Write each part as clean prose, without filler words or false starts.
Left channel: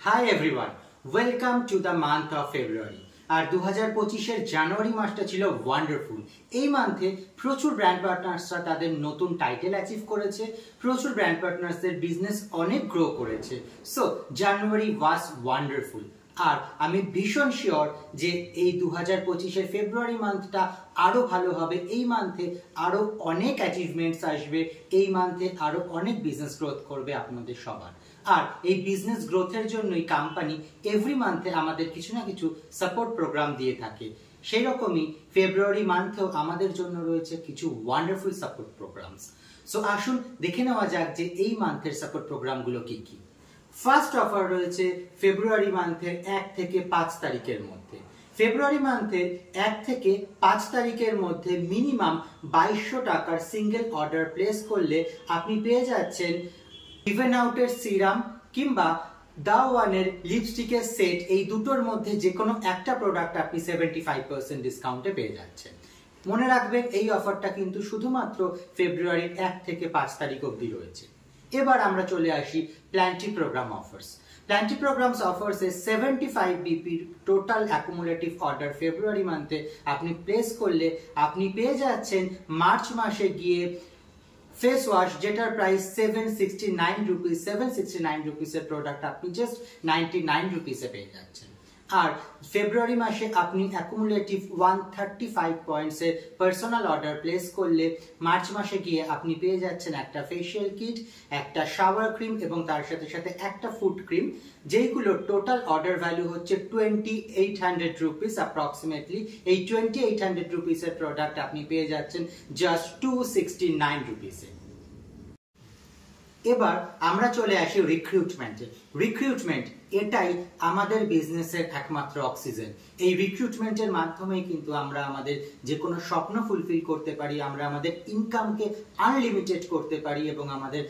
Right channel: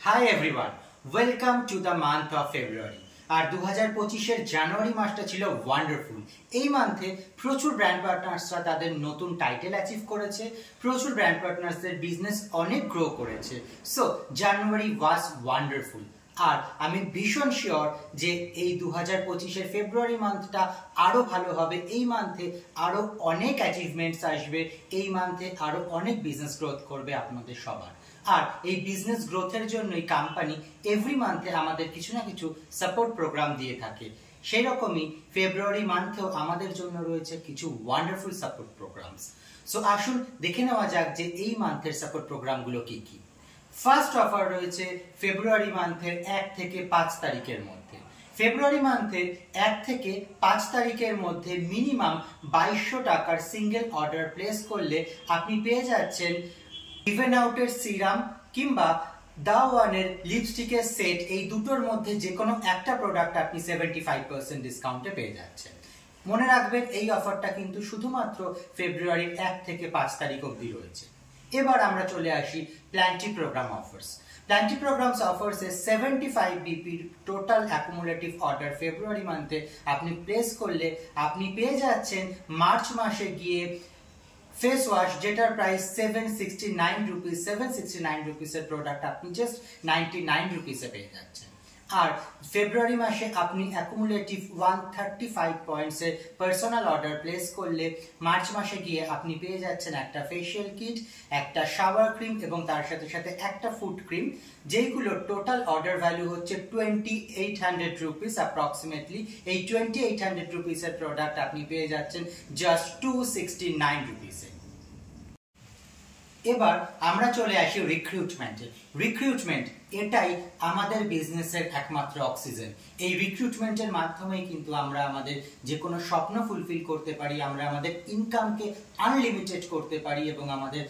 Hi everyone, welcome to the month of February. আর 2025 জানুয়ারি মাসটা ছিল wonderful. এই মান্থে প্রচুর ব্র্যান্ড পার্টনার্সরা তাদের নতুন টাইটেল অ্যাচিভ করেছে, প্রচুর ব্র্যান্ড পার্টনার্সদের বিজনেস অনেক গ্রো করেছে। So January was wonderful. আর আমি ভীষণ শিওর যে এই 2025 ফেব্রুয়ারি মান্থটা আরো ভালো হবে। এই মান্থে আরো অনেক অ্যাচিভমেন্টস আসবে, এই মান্থে আরো অনেক বিজনেস গ্রোথ করবে আপনাদের সবার। আর এই বিজনেস গ্রোথের জন্যই কোম্পানি এভরি মান্থে আমাদের কিছু না কিছু সাপোর্ট প্রোগ্রাম দিয়ে থাকে। সেই রকমই ফেব্রুয়ারি মান্থেও আমাদের জন্য রয়েছে কিছু ওয়ান্ডারফুল সাপোর্ট প্রোগ্রামস। সো আসুন দেখে নেওয়া যাক যে এই মান্থের সাপোর্ট প্রোগ্রামগুলো কি কি। ফার্স্ট অফার রয়েছে ফেব্রুয়ারি মান্থের 1 থেকে 5 তারিখের মধ্যে। ফেব্রুয়ারি মান্থের 1 থেকে 5 তারিখের মধ্যে মিনিমাম 2200 টাকার সিঙ্গেল অর্ডার প্লেস করলে আপনি পেয়ে যাচ্ছেন ইভেন আউটের সিরাম কিংবা দা ওয়ানের লিপস্টিকের সেট। এই দুটোর মধ্যে যে কোনো একটা প্রোডাক্ট আপনি 75% ডিসকাউন্টে পেয়ে যাচ্ছেন। মনে রাখবেন এই অফারটা কিন্তু শুধুমাত্র ফেব্রুয়ারির 1 থেকে 5 তারিখ অবধি রয়েছে। এবার আমরা চলে আসি plenty program offers. Plenty programs offers এ 75 BP total accumulative order February মান্থে আপনি প্লেস করলে আপনি পেয়ে যাচ্ছেন মার্চ মাসে গিয়ে ফেস ওয়াশ, যেটার প্রাইস 769 রুপিস। 769 রুপিসের প্রোডাক্ট আপনি জাস্ট 99 রুপিসে পেয়ে যাচ্ছেন। আর ফেব্রুয়ারি মাসে আপনি অ্যাকুমুলেটিভ 135 পয়েন্টসের পার্সোনাল অর্ডার প্লেস করলে মার্চ মাসে গিয়ে আপনি পেয়ে যাচ্ছেন একটা ফেশিয়াল কিট, একটা শাওয়ার ক্রিম এবং তার সাথে সাথে একটা ফুড ক্রিম, যেগুলো টোটাল অর্ডার ভ্যালু হচ্ছে 2800 রুপিস অ্যাপ্রক্সিমেটলি। এই 2800 রুপিসের প্রোডাক্ট আপনি পেয়ে যাচ্ছেন জাস্ট 269 রুপিসে। এবার আমরা চলে আসি রিক্রুটমেন্টে। রিক্রুটমেন্ট এটাই আমাদের বিজনেসের একমাত্র অক্সিজেন। এই রিক্রুটমেন্টের মাধ্যমেই কিন্তু আমরা আমাদের যে কোনো স্বপ্ন ফুলফিল করতে পারি, আমরা আমাদের ইনকামকে আনলিমিটেড করতে পারি এবং আমাদের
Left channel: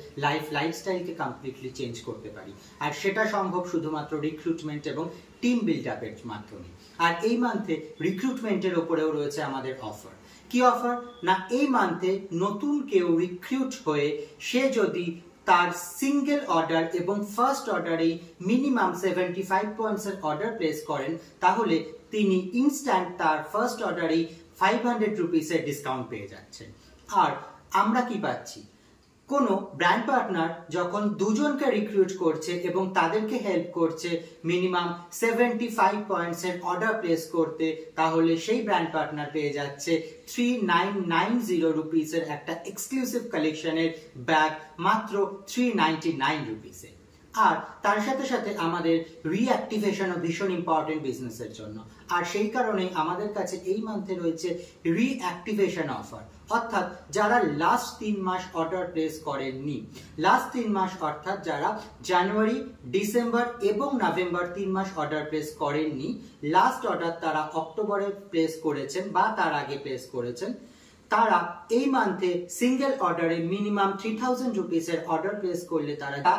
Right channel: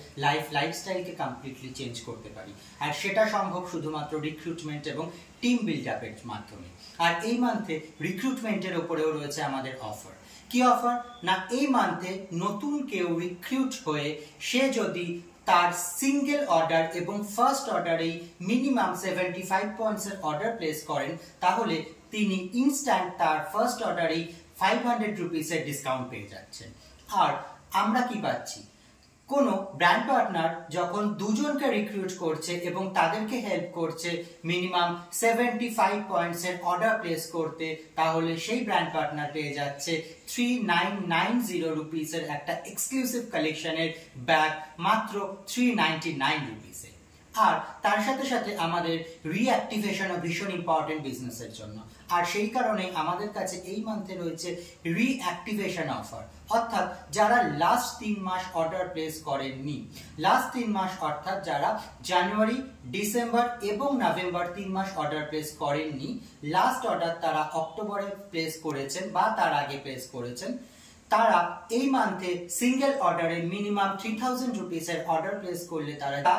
লাইফস্টাইলকে কমপ্লিটলি চেঞ্জ করতে পারি। আর সেটা সম্ভব শুধুমাত্র রিক্রুটমেন্ট এবং টিম বিল্ড আপের মাধ্যমে। আর এই মান্থে রিক্রুটমেন্টের ওপরেও রয়েছে আমাদের অফার। কি অফার না, এই মান্থে নতুন কেউ রিক্রুট হয়ে সে যদি তার সিঙ্গেল অর্ডার এবং ফার্স্ট অর্ডারেই মিনিমাম 75 পয়েন্টসের অর্ডার প্লেস করেন, তাহলে তিনি ইনস্ট্যান্ট তার ফার্স্ট অর্ডারেই 500 রুপিসের ডিসকাউন্ট পেয়ে যাচ্ছেন। আর আমরা কি পাচ্ছি, কোনো ব্র্যান্ড পার্টনার যখন দুজনকে রিক্রুট করছে এবং তাদেরকে হেল্প করছে মিনিমাম 75 পয়েন্টসের অর্ডার প্লেস করতে, তাহলে সেই ব্র্যান্ড পার্টনার পেয়ে যাচ্ছে 3990 রুপিসের একটা এক্সক্লুসিভ কালেকশনের ব্যাগ মাত্র 399 রুপিসে। আর তার সাথে সাথে আমাদের রিঅ্যাক্টিভেশনও ভীষণ ইম্পর্টেন্ট বিজনেসের জন্য। আর সেই কারণে আমাদের কাছে এই মান্থে রয়েছে রিঅ্যাক্টিভেশন অফার। অর্থাৎ যারা লাস্ট 3 মাস অর্ডার প্লেস করেননি, লাস্ট 3 মাস অর্থাৎ যারা জানুয়ারি, ডিসেম্বর এবং নভেম্বর 3 মাস অর্ডার প্লেস করেননি, লাস্ট অর্ডার তারা অক্টোবরে প্লেস করেছেন বা তার আগে প্লেস করেছেন, তারা এই মান্থে সিঙ্গেল অর্ডারে মিনিমাম 3000 রুপিসের অর্ডার প্লেস করলে তারা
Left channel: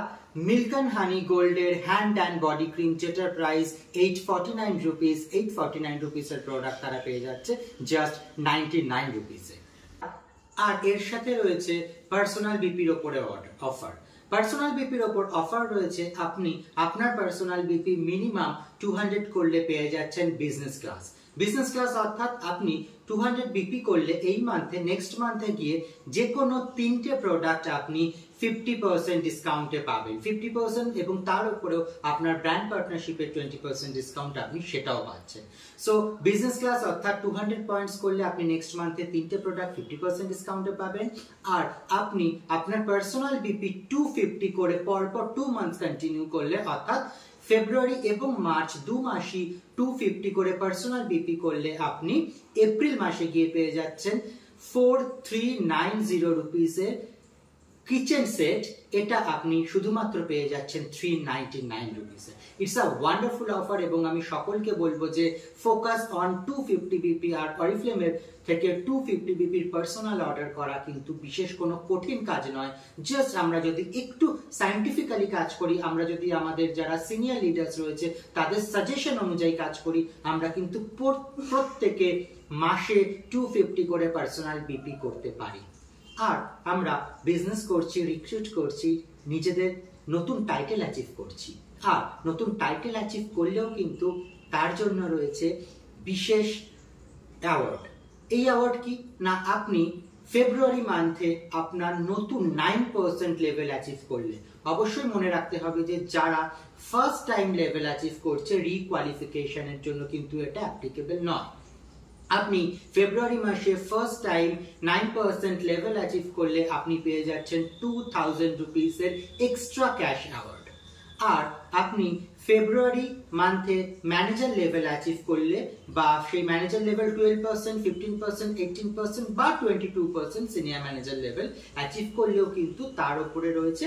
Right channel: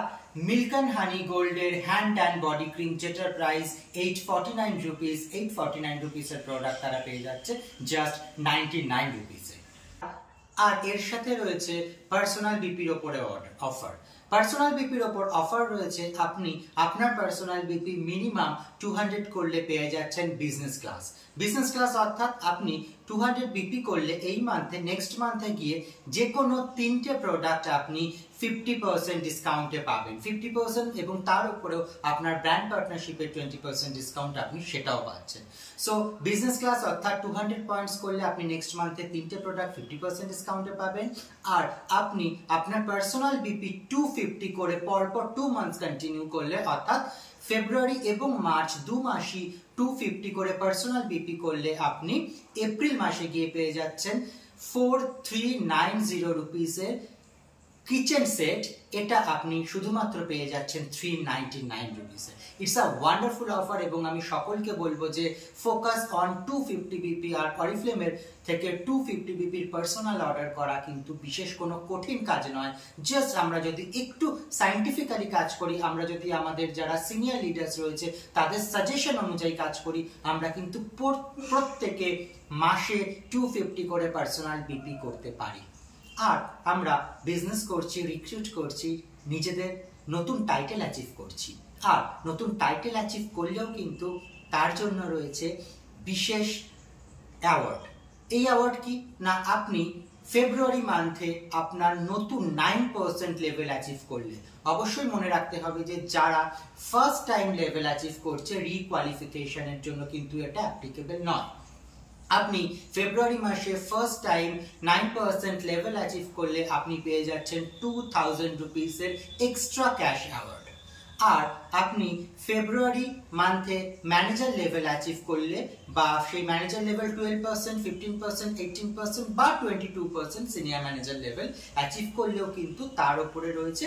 মিল্ক অ্যান্ড হানি গোল্ডের হ্যান্ড অ্যান্ড বডি ক্রিম, যেটার প্রাইস 849 রুপিস, 849 রুপিসের প্রোডাক্ট তারা পেয়ে যাচ্ছে জাস্ট 99 রুপিসে। আর এর সাথে রয়েছে পার্সোনাল বিপির ওপরে অফার। পার্সোনাল বিপির ওপর অফার রয়েছে, আপনি আপনার পার্সোনাল বিপি মিনিমাম 200 করলে পেয়ে যাচ্ছেন বিজনেস ক্লাস। বিজনেস ক্লাস অর্থাৎ আপনি 200 বিপি করলে এই মান্থে নেক্সট মান্থে গিয়ে যে কোনো 3টে প্রোডাক্ট আপনি 50% ডিসকাউন্টে পাবেন। 50% এবং তার উপরেও আপনার ব্র্যান্ড পার্টনারশিপের 20% ডিসকাউন্ট আপনি সেটাও পাচ্ছেন। সো বিজনেস ক্লাস অর্থাৎ 200 পয়েন্টস করলে আপনি নেক্সট মান্থে 3টে প্রোডাক্ট 50% ডিসকাউন্টে পাবেন। আর আপনি আপনার পার্সোনাল বিপি 250 করে পরপর 2 মান্থস কন্টিনিউ করলে, অর্থাৎ ফেব্রুয়ারি এবং মার্চ 2 মাসই 250 করে পার্সোনাল বিপি করলে আপনি এপ্রিল মাসে গিয়ে পেয়ে যাচ্ছেন 4390 রুপিসের কিচেন সেট। এটা আপনি শুধুমাত্র পেয়ে যাচ্ছেন 399 রুপিসে। ইটস আ ওয়ান্ডারফুল অফার এবং আমি সকলকে বলবো যে ফোকাস অন 250 বিপি। আর অরিফ্লেমের থেকে 250 বিপির পার্সোনাল অর্ডার করা কিন্তু বিশেষ কোনো কঠিন কাজ নয়। জাস্ট আমরা যদি একটু সায়েন্টিফিক্যালি কাজ করি, আমরা যদি আমাদের যারা সিনিয়র লিডার্স রয়েছে তাদের সাজেশন অনুযায়ী কাজ করি, আমরা কিন্তু প্রত্যেকে মাসে 250 করে পার্সোনাল বিপি করতে পারি। আর আমরা বিজনেস করছি, রিক্রুট করছি, নিজেদের নতুন টাইটেল অ্যাচিভ করছি। আর নতুন টাইটেল অ্যাচিভ করলেও কিন্তু তার জন্য রয়েছে বিশেষ অ্যাওয়ার্ড। এই অ্যাওয়ার্ড কি না, আপনি ফেব্রুয়ারি মান্থে আপনার নতুন 9% লেভেল অ্যাচিভ করলে, অবশ্যই মনে রাখতে হবে যে যারা ফার্স্ট টাইম লেভেল অ্যাচিভ করছে রিকোয়ালিফিকেশনের জন্য কিন্তু এটা অ্যাপ্লিকেবল নয়। আপনি ফেব্রুয়ারি মাসে ফার্স্ট টাইম 9% লেভেল অ্যাচিভ করলে আপনি পেয়ে যাচ্ছেন 2000 রুপিসের এক্সট্রা ক্যাশ অ্যাওয়ার্ড। আর আপনি ফেব্রুয়ারি মান্থে ম্যানেজার লেভেল অ্যাচিভ করলে বা সেই ম্যানেজার লেভেল 12%, 15%, 18% বা 22% সিনিয়র ম্যানেজার লেভেল অ্যাচিভ করলেও কিন্তু তার উপরে রয়েছে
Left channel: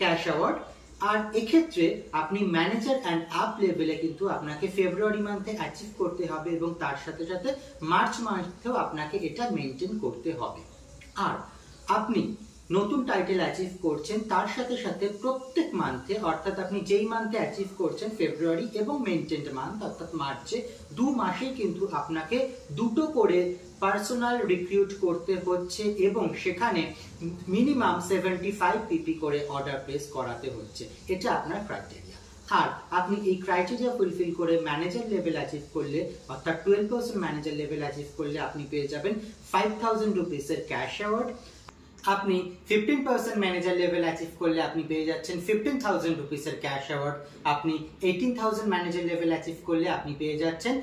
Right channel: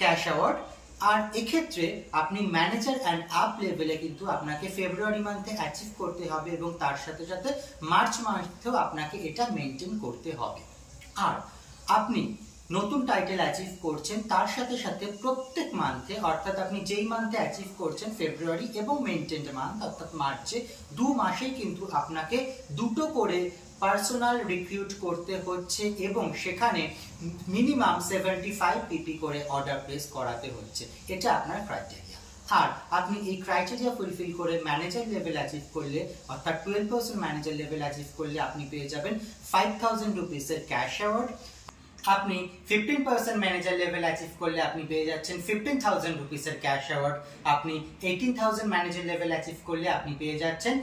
ক্যাশ অ্যাওয়ার্ড। আর এক্ষেত্রে আপনি ম্যানেজার অ্যান্ড আপ লেভেলে কিন্তু আপনাকে ফেব্রুয়ারি মান্থে অ্যাচিভ করতে হবে এবং তার সাথে সাথে মার্চ মান্থেও আপনাকে এটা মেনটেন করতে হবে। আর আপনি নতুন টাইটেল অ্যাচিভ করছেন তার সাথে সাথে প্রত্যেক মান্থে, অর্থাৎ আপনি যেই মান্থে অ্যাচিভ করছেন ফেব্রুয়ারি এবং মেনটেন্ড মান্থ অর্থাৎ মার্চে, 2 মাসে কিন্তু আপনাকে 2টো করে পার্সোনাল রিক্রুট করতে হচ্ছে এবং সেখানে মিনিমাম 75 পিপি করে অর্ডার প্লেস করাতে হচ্ছে। এটা আপনার ক্রাইটেরিয়া। আর আপনি এই ক্রাইটেরিয়া ফুলফিল করে ম্যানেজার লেভেল অ্যাচিভ করলে, অর্থাৎ 12% ম্যানেজার লেভেল অ্যাচিভ করলে আপনি পেয়ে যাবেন 5000 রুপিসের ক্যাশ অ্যাওয়ার্ড। আপনি 15% ম্যানেজার লেভেল অ্যাচিভ করলে আপনি পেয়ে যাচ্ছেন 15,000 রুপিসের ক্যাশ অ্যাওয়ার্ড। আপনি 18,000 ম্যানেজার লেভেল অ্যাচিভ করলে আপনি পেয়ে যাচ্ছেন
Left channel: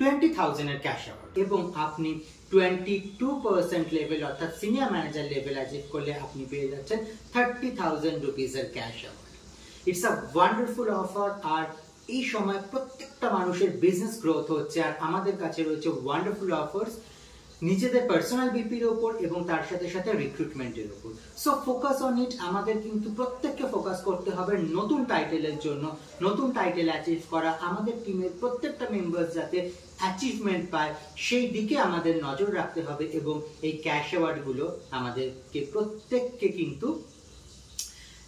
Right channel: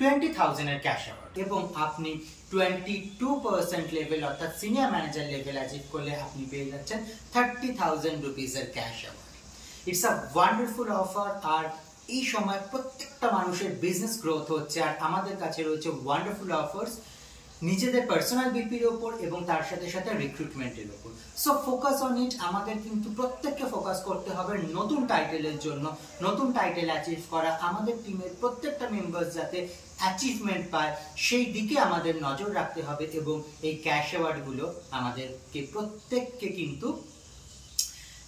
20,000 এর ক্যাশ অ্যাওয়ার্ড। এবং আপনি 22% লেভেল অর্থাৎ সিনিয়র ম্যানেজার লেভেল অ্যাচিভ করলে আপনি পেয়ে যাচ্ছেন 30,000 রুপিসের cash award. It's a wonderful offer. আর এই সময় প্রত্যেকটা মানুষের বিজনেস গ্রোথ হচ্ছে আর আমাদের কাছে রয়েছে ওয়ান্ডারফুল অফার্স নিজেদের পার্সোনাল বিপির উপর এবং তার সাথে সাথে রিক্রুটমেন্টের উপর। So focus on it. আমাদের কিন্তু প্রত্যেককে ফোকাস করতে হবে নতুন টাইটেলের জন্য, নতুন টাইটেল অ্যাচিভ করা, আমাদের টিমের প্রত্যেকটা মেম্বার্স যাতে অ্যাচিভমেন্ট পায় সেই দিকে আমাদের নজর রাখতে হবে এবং এই ক্যাশ অ্যাওয়ার্ডগুলো আমাদেরকে প্রত্যেককে কিন্তু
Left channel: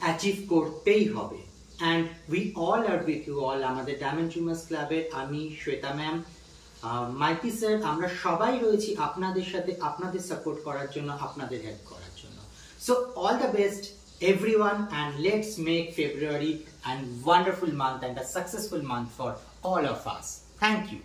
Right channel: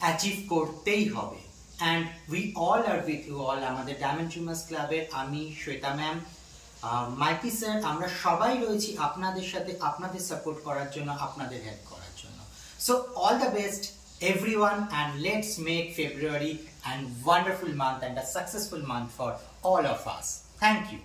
অ্যাচিভ করতেই হবে। And we all are with you all. আমাদের ডায়মন্ড ড্রিমার্স ক্লাবের আমি, শ্বেতা ম্যাম, মাইতি স্যার, আমরা সবাই রয়েছি আপনাদের সাথে, আপনাদের সাপোর্ট করার জন্য, আপনাদের হেল্প করার জন্য। So all the best everyone and let's make February a wonderful month and a successful month for all of us. Thank you.